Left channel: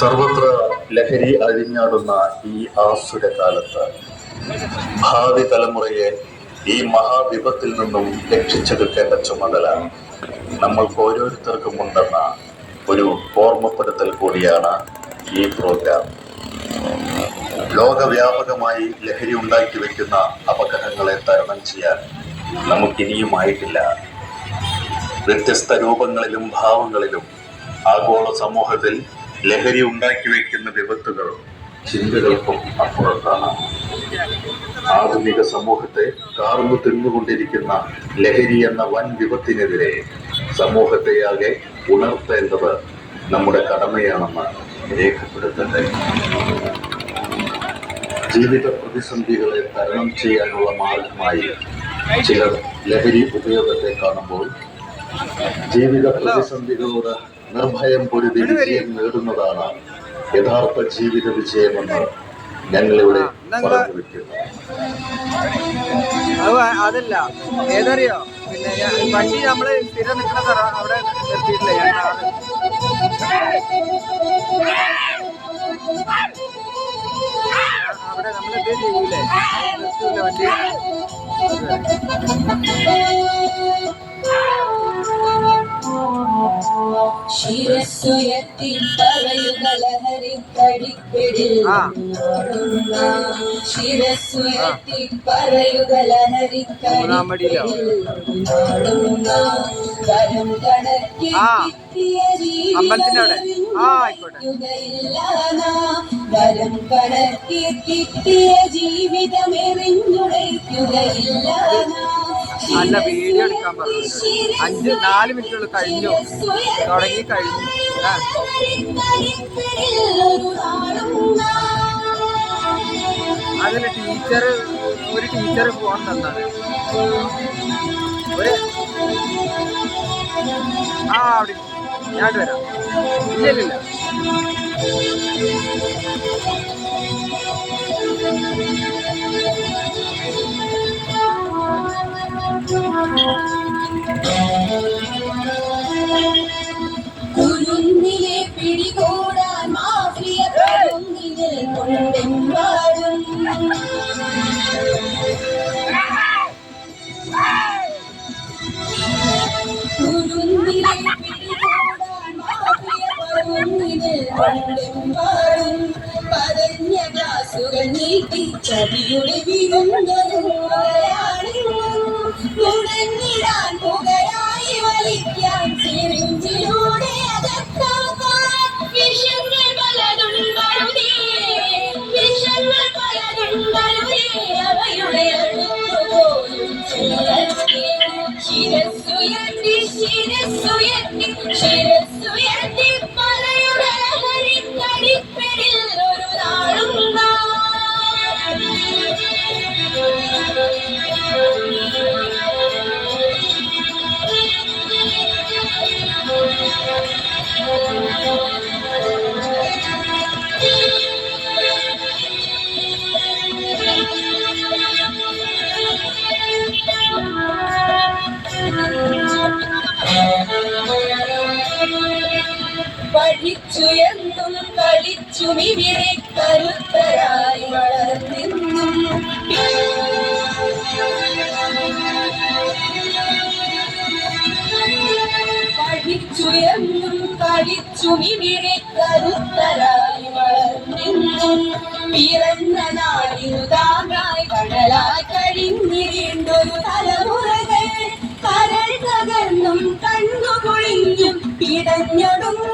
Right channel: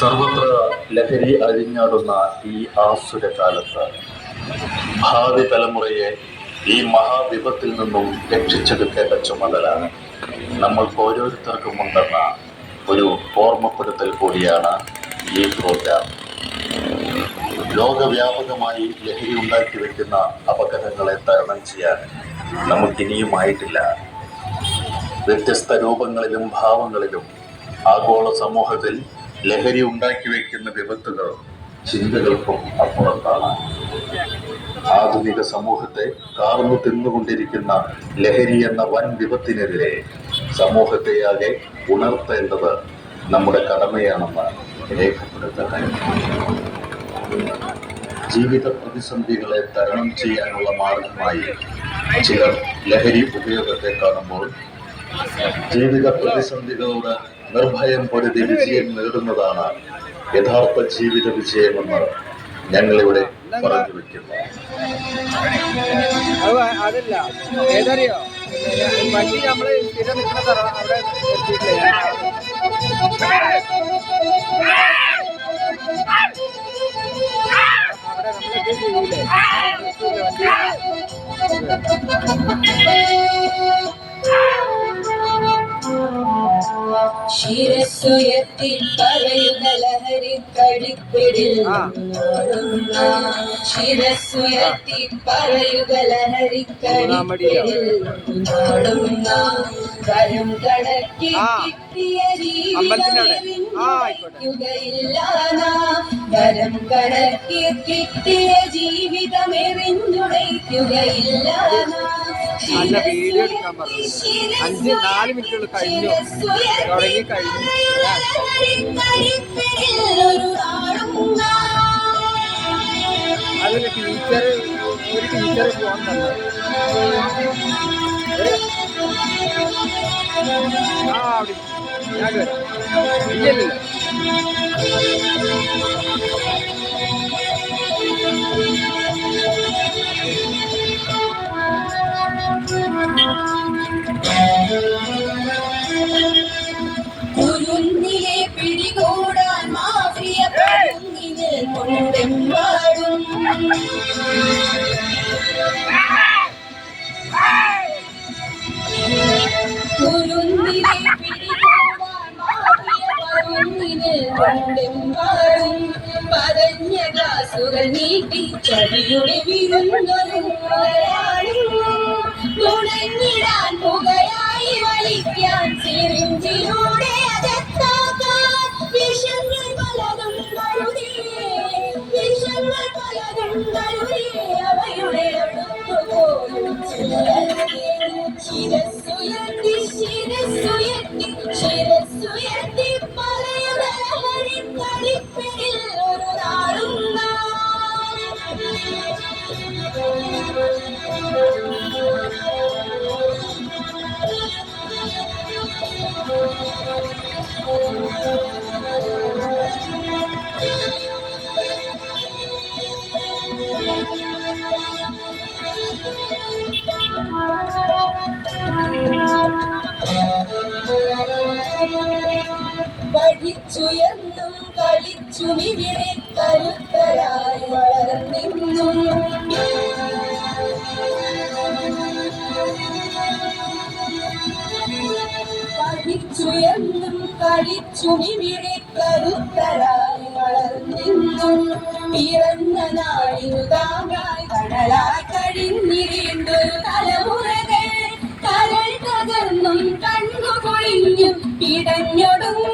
സർവത്ര ലഹരി അഴിഞ്ഞാടുന്ന ഈ ആസുര കാലത്ത് ഭാവി തലമുറയെ ഈ മഹാവിപത്തിൽ നിന്നും രക്ഷിച്ചെടുക്കേണ്ട ചുമതല നമ്മൾക്ക് ഓരോരുത്തർക്കും ഉണ്ടെന്ന ഒരു ഓർമ്മപ്പെടുത്തൽ കൂടിയാണ് ഈ പ്രോഗ്രാം ലോകവ്യാപകമായി ലഹരി ഉണ്ടാക്കി വെക്കുന്ന അപകടങ്ങളെ തരണം ചെയ്യാൻ നമുക്കിനിയുമായിട്ടില്ല. വ്യത്യസ്ത രൂപങ്ങളിലും ഭാവങ്ങളിലും ആഗോള സമൂഹത്തിൽ ലഹരി ഉണ്ടാക്കി വെക്കുന്ന വിപത്തുകളും ചിന്തകൾക്കും അപ്പുറത്താണ്. ആധുനിക സമൂഹത്തെ കാർന്നു തിന്നുകൊണ്ടിരിക്കുന്ന ലഹരി എന്ന വൻ വിപത്തിനെതിരെ സമൂഹത്തെയാകെ ഉണർത്തേണ്ടത് നമ്മുടെ കടമയാണെന്ന് രേഖപ്പെടുത്തട്ടെ. ജീവിത പ്രതിസന്ധികളെ തരണം ചെയ്യാനുള്ള മാർഗമായി ചിലർ ലഹരി ഉപയോഗത്തെ കാണുമ്പോൾ ജീവിത പ്രതിസന്ധികളോട് നിർഭയം പൊരുതി വിജയം നേടുന്നതാണ് യഥാർത്ഥ ജീവിത വിജയമെന്ന് ഞങ്ങളിവിടെ പറഞ്ഞു വെക്കുന്നു അതല്ല. ഏതറിയോ? പിന്നെ വണ്ടി നമ്മൾ സ്ഥിരം നിൽക്കണ തറ അവിടെ നിർത്തിയിട്ടില്ല അവിടെ നമ്മൾ ഇത് ചെയ്യൂലേ? നിർത്തൂല വണ്ടി ശിരസ്സുയർത്തി പറയുക ലഹരി കടിപ്പിടിൽ ആ. ശിരസ്സുയർത്തി പറയുക ലഹരി മൂന്നാം പടിയിലോ? വരും കണക്കി ആ. കിട്ടിയ. വരം ജീവിതം എറിഞ്ഞുടയ്ക്കുകയില്ല അല്ല വീഡിയോ എടുക്കാൻ പറഞ്ഞു അഞ്ച് നാല് മിനിറ്റുകൾ കഴിഞ്ഞു. തുടങ്ങി കഴിഞ്ഞു. അതിൽ ടീച്ചർ ഒരു ടീച്ചർ ഫോൺ തന്നത് ഒരു ആ അവിടെ ഞാൻ വരാം. ഇല്ല ഇല്ല ഇല്ല. കുരുന്നിലെ പിടികൂടാൻ മാഫിയ പരുങ്ങിനിൽ കൊണ്ടെമ്പാടും. കുരുന്നിലെ പിടികൂടാൻ മാഫിയ പരുങ്ങിനിൽ കൊണ്ടെമ്പാടും. പതഞ്ഞ ഗ്ലാസുകൾ നീട്ടി ചതിയുടെ വിരുന്നൊരു ഇവിടെ കരുത്തരായി വളർന്നെന്നും പഠിച്ചുയെന്നും കളിച്ചും ഇവിടെ കരുത്തരായി വളർന്നിന്നും പിറന്ന നാടിനു താങ്ങായി കടലായി കഴിഞ്ഞിരണ്ടൊരു തലമുറകൾ കരൾ തകർന്നും കണ്ണുകൊളിഞ്ഞും പിടഞ്ഞൊടുങ്ങരുതൊരു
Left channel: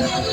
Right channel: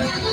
Thank you.